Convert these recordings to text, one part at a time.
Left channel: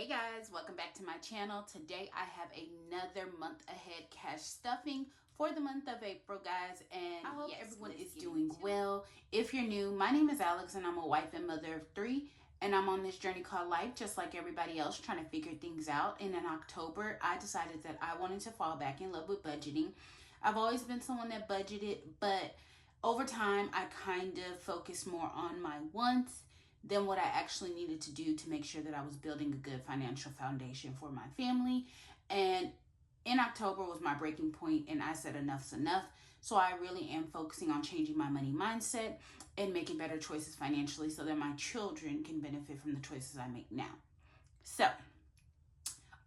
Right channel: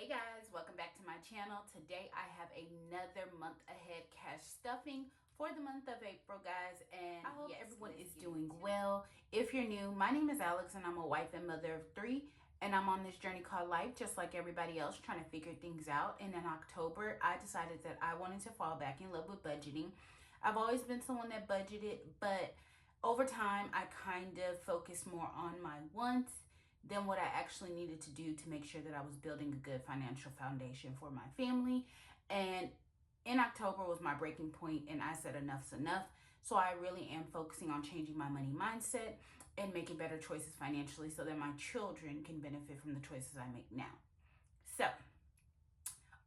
Hey guys, welcome back to my channel. Today I have another month ahead cash stuffing for the month of April, guys, and I hope everyone is doing well. If you're new, my name is Alex and I'm a wife and mother of 3, and I'm on this journey called life just like everybody else, trying to figure things out. And in October I decided that I wanted to fall back in love with budgeting. I've always been someone that budgeted, but over time I kind of focused more on my wants than what I actually needed to do to make sure that I was building a good financial foundation for my family. And in October was my breaking point, and I said enough's enough. So I really am focusing on changing my money mindset and making better choices financially so that my children can benefit from the choices I make now. So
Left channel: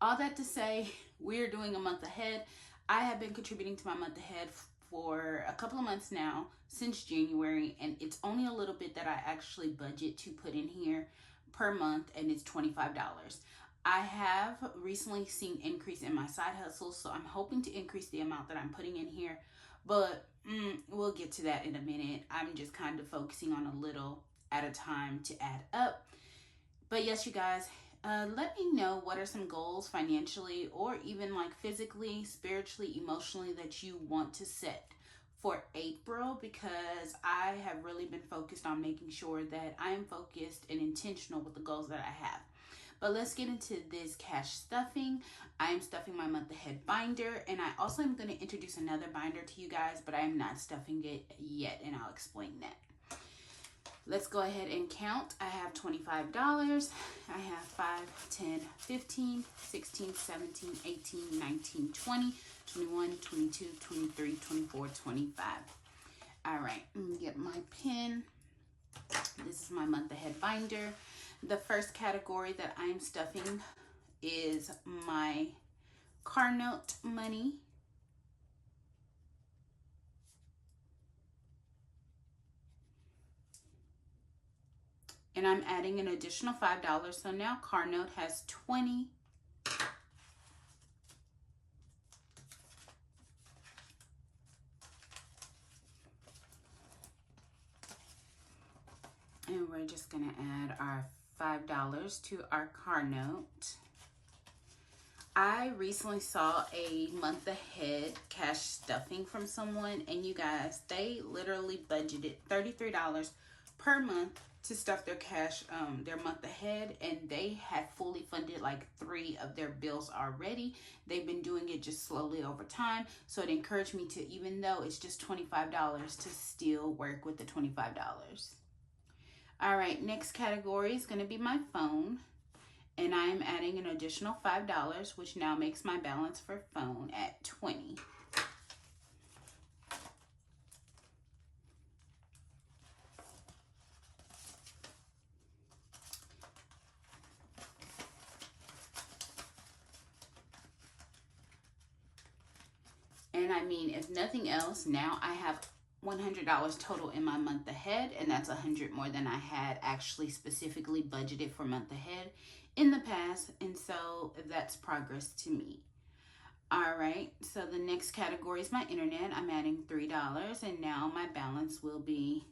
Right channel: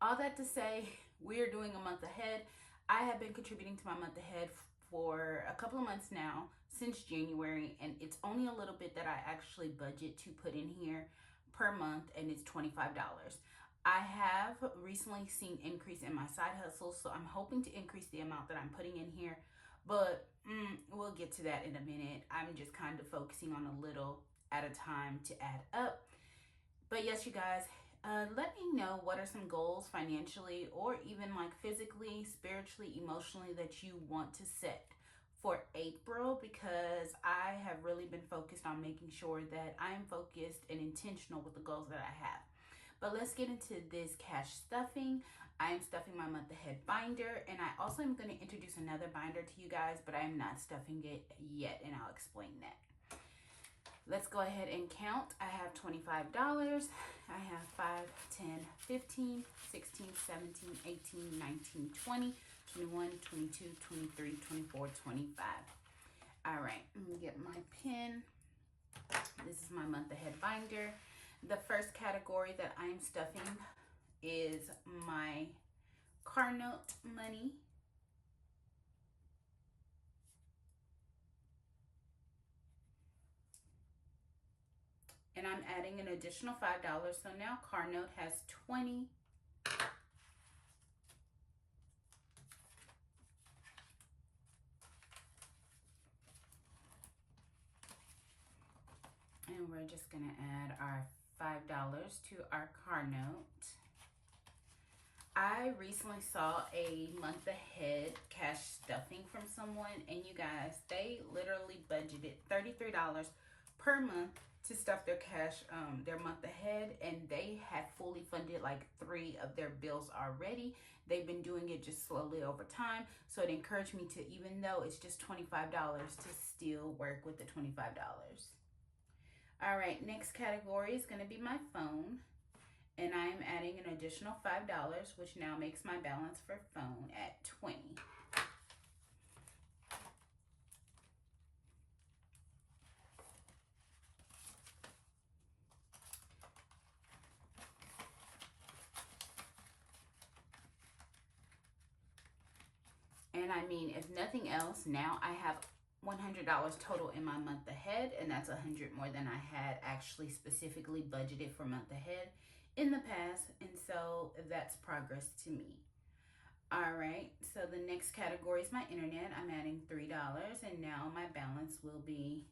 all that to say, we're doing a month ahead. I have been contributing to my month ahead for a couple of months now, since January, and it's only a little bit that I actually budget to put in here per month, and it's $25. I have recently seen increase in my side hustles, so I'm hoping to increase the amount that I'm putting in here, but we'll get to that in a minute. I'm just kind of focusing on a little at a time to add up. But yes, you guys, let me know what are some goals financially or even like physically, spiritually, emotionally that you want to set for April, because I have really been focused on making sure that I am focused and intentional with the goals that I have. But let's get into this cash stuffing. I am stuffing my month ahead binder, and I also am going to introduce another binder to you guys, but I am not stuffing it yet, and I'll explain that. Let's go ahead and count. I have $25. I have 5, 10, 15, 16, 17, 18, 19, 20, 21, 22, 23, 24, 25. All right, let me get my pen. This is my month ahead binder. The first category that I'm stuffing is my car note money. And I'm adding an additional $5. So now car note has 20. And we're just gonna add our $5 to our car note. I recently saw a month ahead cash stuffing from someone, and you guys, they literally budgeted $33 per month to stuff their cash, their month ahead, and they had fully funded like 3 of their bills already. They've been doing it just slowly over time, so it encouraged me to, even though it's just $25, to still work with the $25. All right, next category is going to be my phone, and I am adding an additional $5, which now makes my balance for phone at 20. And I mean, if nothing else, now I have $100 total in my month ahead, and that's $100 more than I had actually specifically budgeted for month ahead in the past, and so that's progress to me. All right, so the next category is my internet. I'm adding $3, and now my balance will be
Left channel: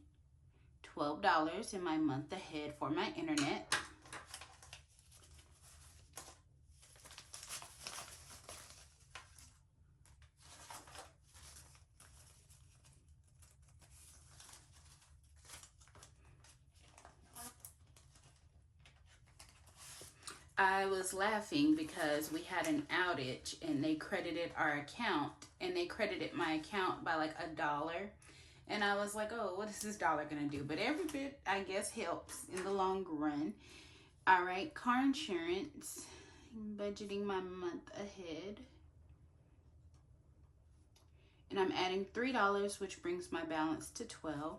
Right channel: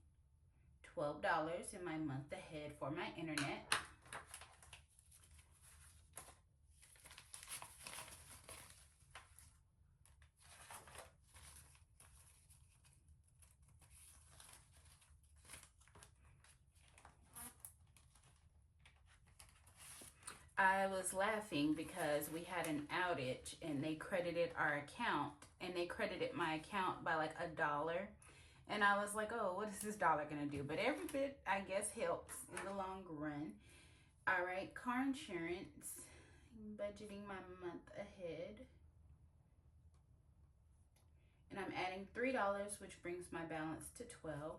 $12 in my month ahead for my internet. I was laughing because we had an outage and they credited our account, and they credited my account by like $1. And I was like, oh, what is this dollar gonna do? But every bit, I guess, helps in the long run. All right, car insurance, I'm budgeting my month ahead. And I'm adding $3, which brings my balance to 12.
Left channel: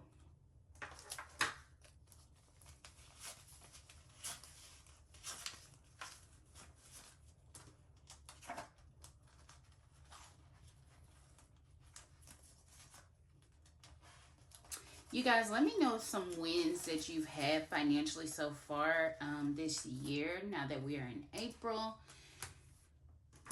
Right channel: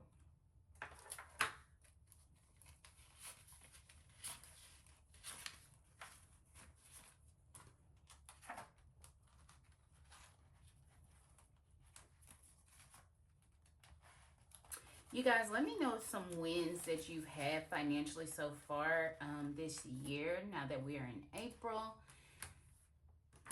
You guys, let me know some wins that you've had financially so far this year, now that we are in April.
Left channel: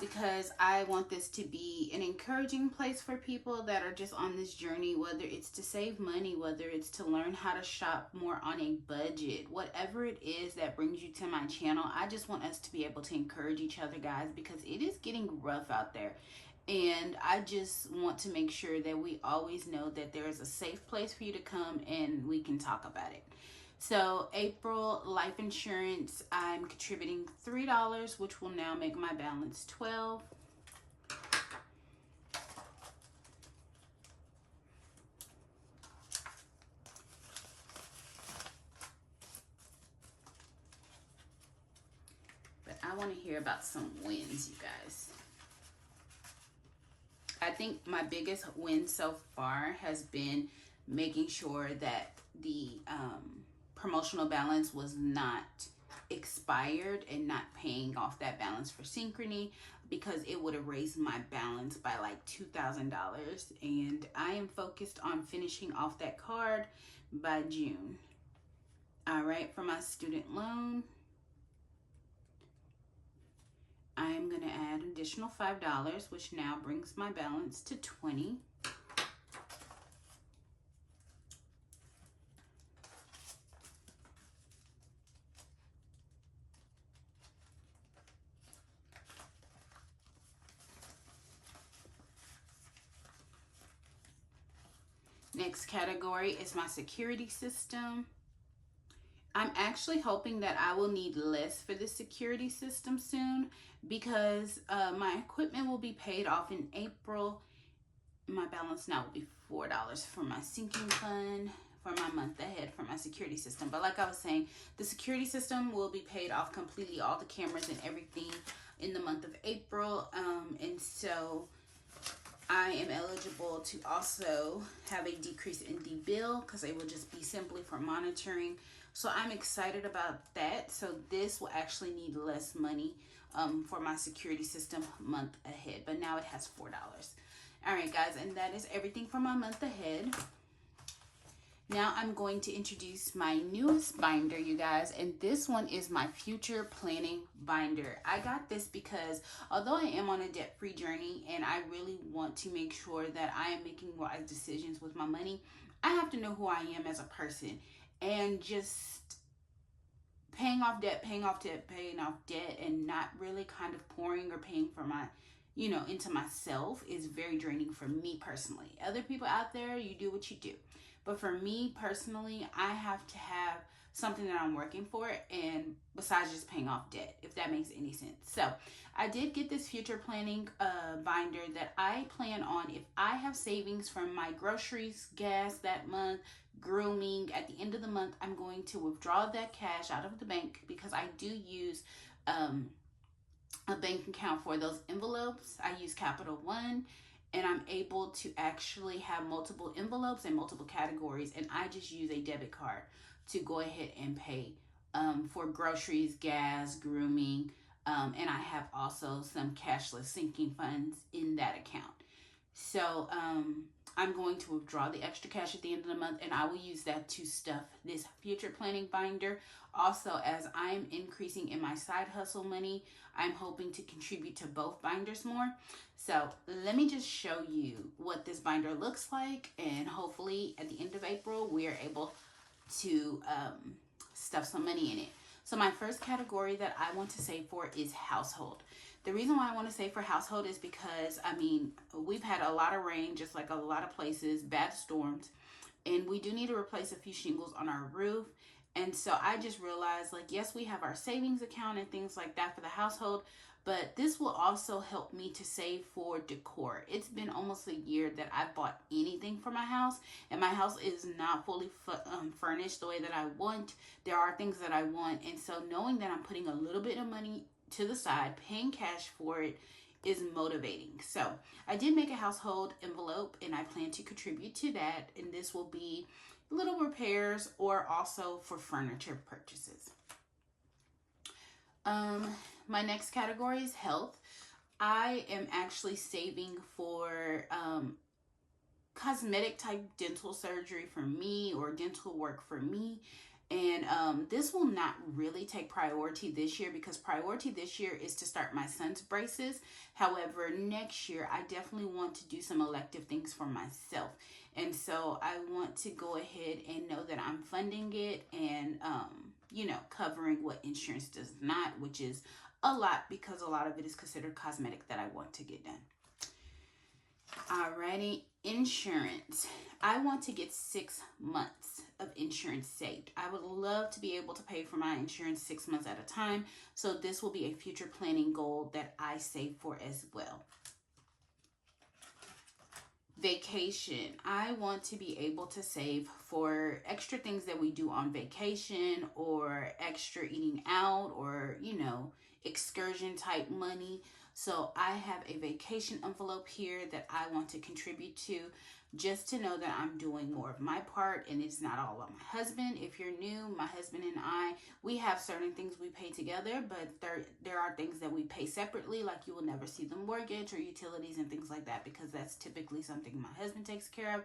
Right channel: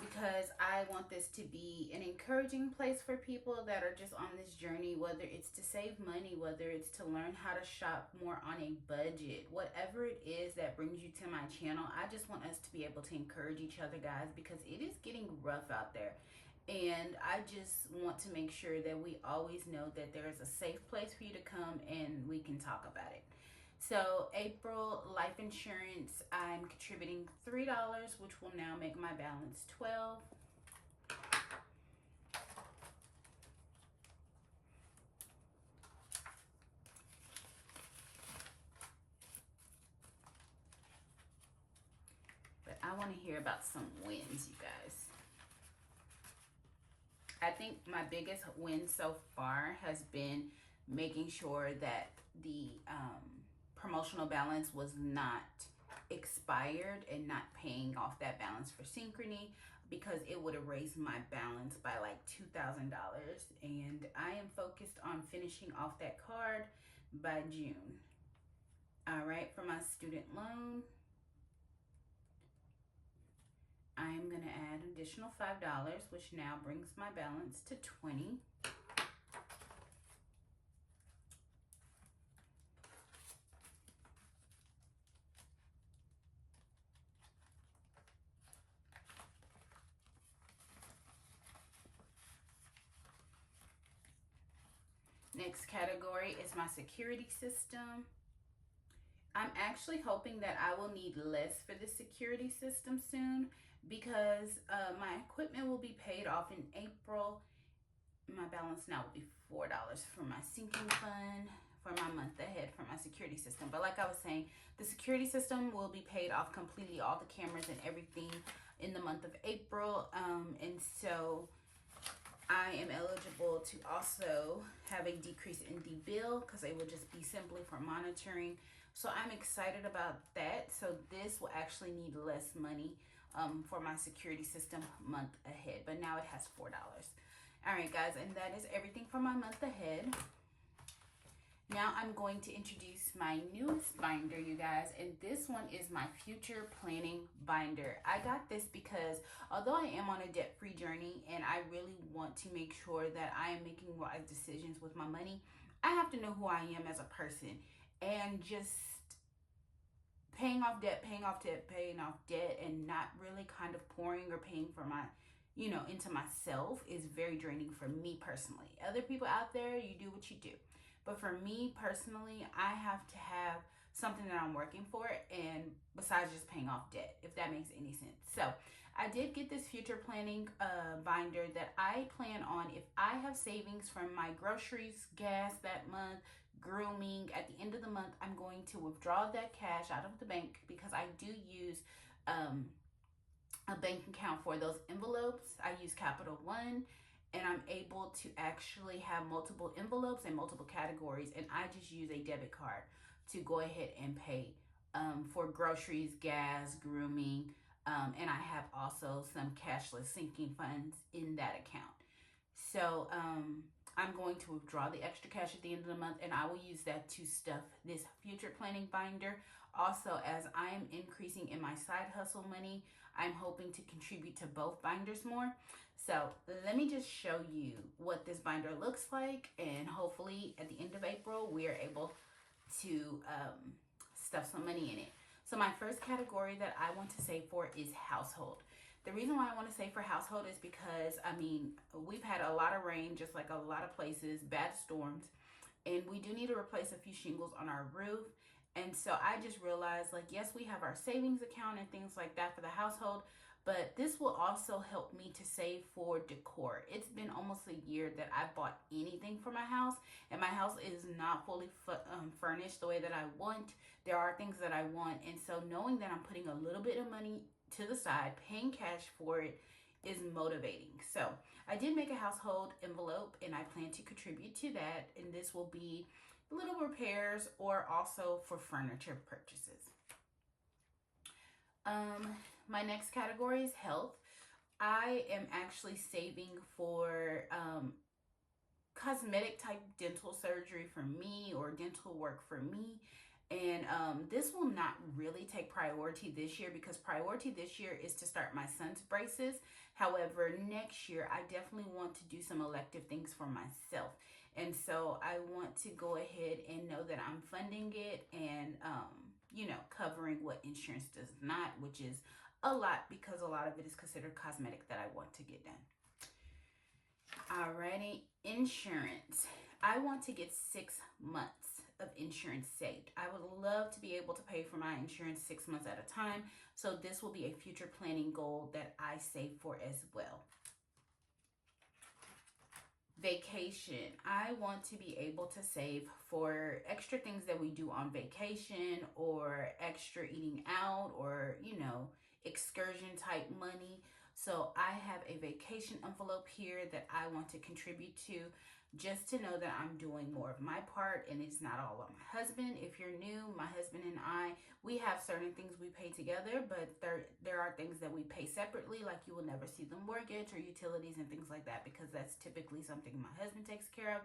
because I want this to be an encouraging place for people that are just on this journey, whether it's to save money, whether it's to learn how to shop more on a budget, whatever it is that brings you to my channel. I just want us to be able to encourage each other, guys, because it is getting rough out there. And I just want to make sure that we always know that there is a safe place for you to come and we can talk about it. So April life insurance, I'm contributing $3, which will now make my balance $12. But I want to hear about some wins, you guys. I think my biggest win so far has been making sure that the promotional balance was not expired and not paying off that balance for Synchrony, because it would have raised my balance by like $2,000. And I am focused on finishing off that card by June. All right, for my student loan, I'm going to add an additional $5, which now brings my balance to $20. Next category is my security system. I'm actually hoping that I will need less for the security system soon, because my equipment will be paid off in April. My balance now will be $4 for my sinking fund for my month ahead for my security system. But like I was saying, the security system will be paid off completely, all the cameras and everything, in the month of April. And so I am eligible to also have a decrease in the bill, because it will just be simply for monitoring. So I'm excited about that. So this will actually need less money for my security system month ahead, but now it has $4. All right, guys, and that is everything for my month ahead. Now I'm going to introduce my newest binder, you guys, and this one is my future planning binder. I got this because although I am on a debt-free journey and I really want to make sure that I am making wise decisions with my money, I have to know who I am as a person. And just paying off debt, and not really kind of pouring or paying for my, into myself is very draining for me personally. Other people out there, you do what you do. But for me personally, I have to have something that I'm working for, and besides just paying off debt, if that makes any sense. So I did get this future planning binder that I plan on, if I have savings from my groceries, gas that month, grooming, at the end of the month, I'm going to withdraw that cash out of the bank, because I do use a bank account for those envelopes. I use Capital One, and I'm able to actually have multiple envelopes and multiple categories, and I just use a debit card to go ahead and pay for groceries, gas, grooming, and I have also some cashless sinking funds in that account. So I'm going to withdraw the extra cash at the end of the month, and I will use that to stuff this future planning binder. Also, as I am increasing in my side hustle money, I'm hoping to contribute to both binders more. So let me just show you what this binder looks like, and hopefully at the end of April, we are able to stuff some money in it. So my first category that I want to save for is household. The reason why I want to save for household is because, we've had a lot of rain, just like a lot of places, bad storms, and we do need to replace a few shingles on our roof. And so I just realized, like, yes, we have our savings account and things like that for the household, but this will also help me to save for decor. It's been almost a year that I've bought anything for my house, and my house is not fully furnished the way that I want. There are things that I want, and so knowing that I'm putting a little bit of money to the side, paying cash for it, is motivating. So I did make a household envelope, and I plan to contribute to that, and this will be little repairs or also for furniture purchases. My next category is health. I am actually saving for cosmetic type dental surgery for me, or dental work for me. And this will not really take priority this year, because priority this year is to start my son's braces. However, next year I definitely want to do some elective things for myself. And so I want to go ahead and know that I'm funding it and, you know, covering what insurance does not, which is a lot, because a lot of it is considered cosmetic that I want to get done. Alrighty, insurance. I want to get 6 months of insurance saved. I would love to be able to pay for my insurance 6 months at a time. So this will be a future planning goal that I save for as well. Vacation. I want to be able to save for extra things that we do on vacation, or extra eating out, or, you know, excursion type money. So I have a vacation envelope here that I want to contribute to, just to know that I'm doing more of my part and it's not all on my husband. If you're new, my husband and I, we have certain things we pay together, but there are things that we pay separately, like you will never see the mortgage or utilities and things like that, because that's typically something my husband takes care of.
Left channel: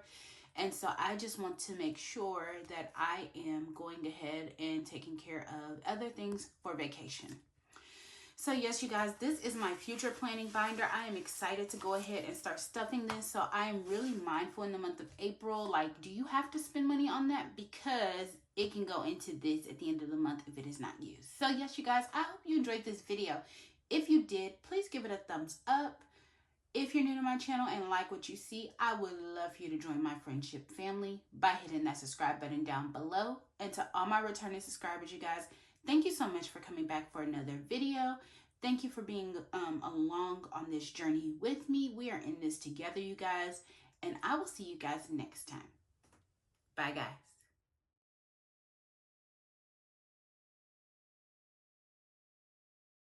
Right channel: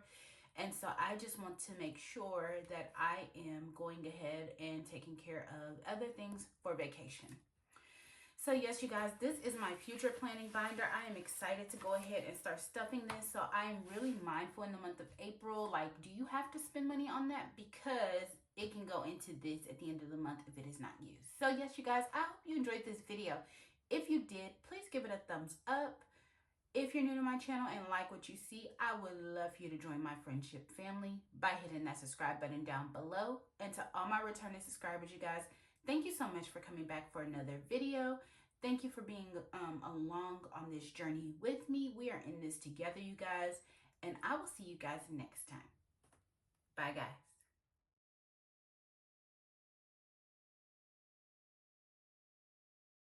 And so I just want to make sure that I am going ahead and taking care of other things for vacation. So yes, you guys, this is my future planning binder. I am excited to go ahead and start stuffing this. So I am really mindful in the month of April. Like, do you have to spend money on that? Because it can go into this at the end of the month if it is not used. So yes, you guys, I hope you enjoyed this video. If you did, please give it a thumbs up. If you're new to my channel and like what you see, I would love for you to join my friendship family by hitting that subscribe button down below. And to all my returning subscribers, you guys, thank you so much for coming back for another video. Thank you for being along on this journey with me. We are in this together, you guys. And I will see you guys next time. Bye, guys.